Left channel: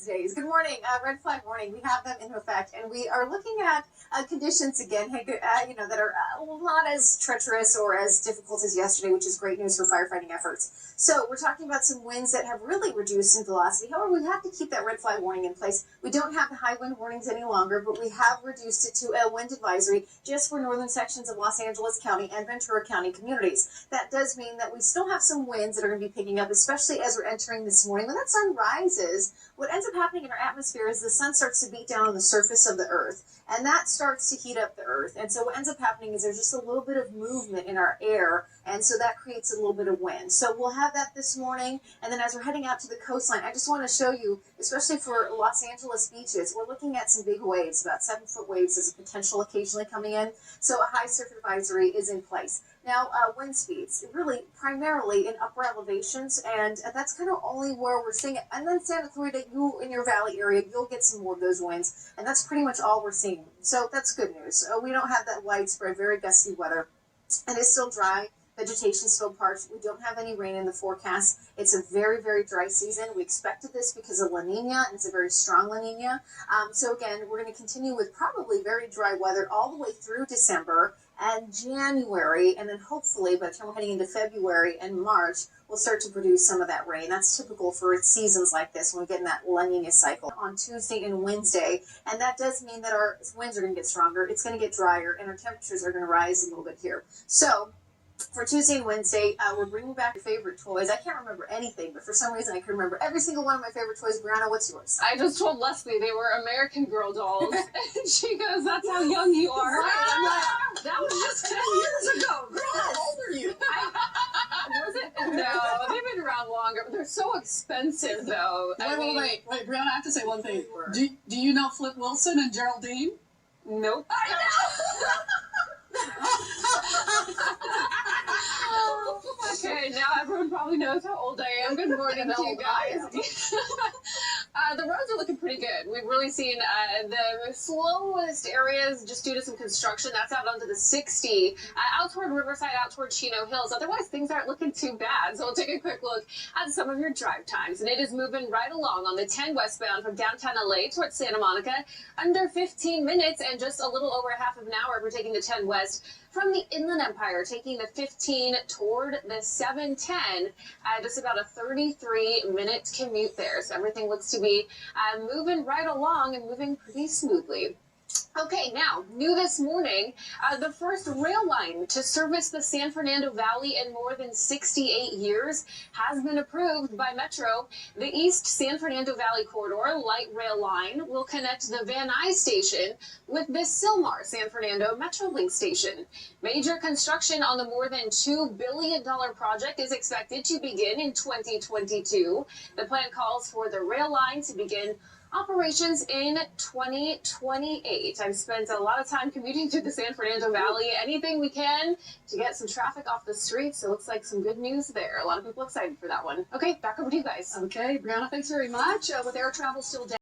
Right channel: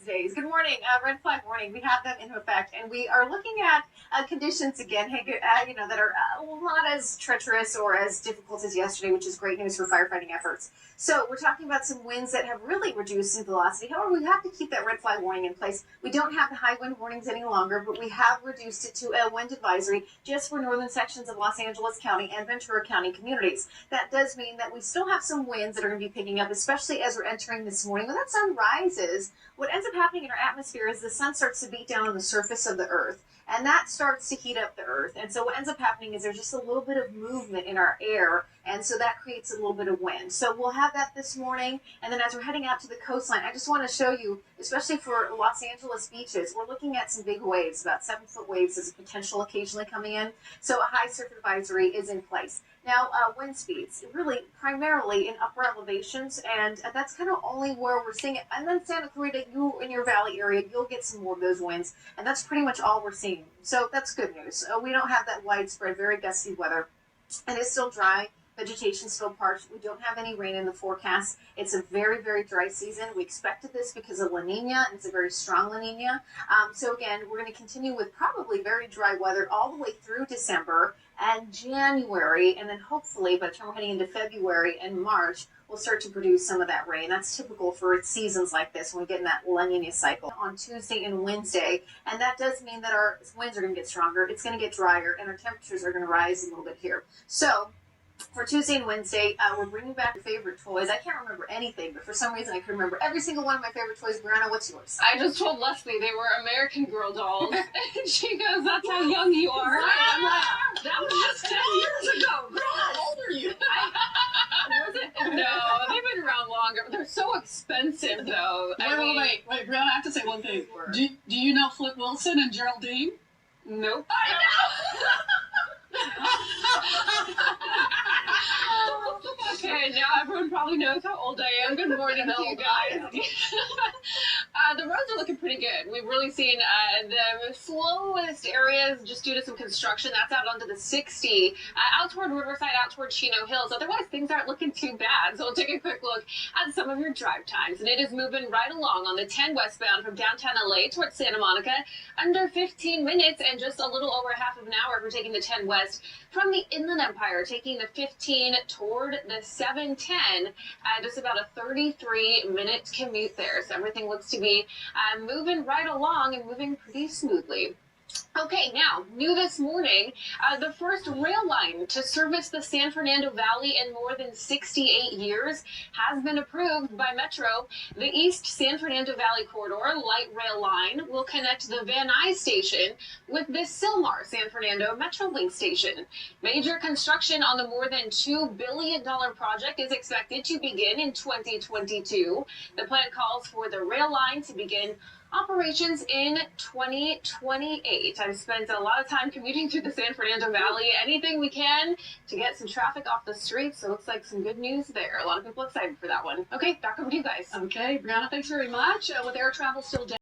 these days. Good morning. Red flag warning. We have them in effect, and we are looking at conditions again, that are not as treacherous or as difficult as yesterday, which is great news for firefighting efforts. So we're talking about some winds that have really reduced in velocity. However, we have to keep that red flag warning in place. We don't have the high wind warnings any longer, but we have reduced it to a wind advisory just for northern sections of Los Angeles County and Ventura County communities. That does mean that we still have some winds that are going to be picking up, especially as we're entering this morning. When that sun rises, what ends up happening in our atmosphere is the sun starts to beat down on the surface of the earth, and that starts to heat up the earth. And so what ends up happening is there's just a little bit of movement in our air, and so that creates a little bit of wind. So we'll have that this morning, and then as we're heading out to the coastline, I just want to show you, especially for Los Angeles beaches, we're looking at some big waves, about 7-foot waves as a potential occasionally coming in. So a high surf advisory is in place. Now, wind speeds, really primarily in upper elevations, and that's kind of only where we're seeing it. And then Santa Clarita, you in your valley area, you'll get some more of those winds, and that's pretty much all we're seeing. So that's good news. We don't have that widespread, very gusty weather. It is still dry. Vegetation still parched. We don't have any rain in the forecast. It's a very, very dry season. We expected this because of La Nina, and it's a very strong La Nina. So again, we're going to continue with probably very dry weather all the way through December and January, and then hopefully by the time we're heading into February and March, we'll start to produce some of that rain. That's typical for seasons like this when we get in that La Nina cycle on Tuesday and Wednesday, and that does mean that our winds are going to get stronger, it's going to get drier, and our temperatures are going to rise a little bit here. So for Tuesday and Wednesday, we're bringing back your favorite toys. I can't remember anything, but for some reason I can remember every single one of my favorite toys. Brianna, what's yours? I just told Leslie they were American Girl dolls, and she goes, "That's how young you are." Right. I'm like, that was just 10 years ago. Girl, how old are you? Was it? No, they've been around longer. They're so expensive, though. Wait, Brianna, I have to say one thing. Do you know Flip Wilson and Geraldine? Nope. I know! Okay, now everyone probably knows how old I am. Good morning to you guys. The roads are looking pretty good. We've really seen the slowest areas just due to some construction. That's out onto the 60, out toward Riverside, out toward Chino Hills. Otherwise, things aren't looking too bad. So we'll take a quick look at some of your drive times. And it is moving right along on the 10 westbound from downtown LA towards Santa Monica. Under 15 minutes and just a little over half of an hour if we're taking the 10 west from the Inland Empire, taking the 15 toward the 710, just about a 33-minute commute there. So everything looks to be moving right along and moving pretty smoothly. Okay, now, new this morning, the first rail line to service the San Fernando Valley in more than 68 years has been approved by Metro. The East San Fernando Valley Corridor light rail line will connect the Van Nuys station with the Sylmar San Fernando Metrolink station. Major construction on the more than $2 billion project is expected to begin in 2022. The plan calls for the rail line to begin operations in 2028. I've spent a lot of time commuting through the San Fernando Valley. Anything we can to get some traffic off the streets. So it looks like some good news there. A lot of people excited for that one. Okay, back over to you guys. Okay, Brianna, thanks very much. With air travel still down.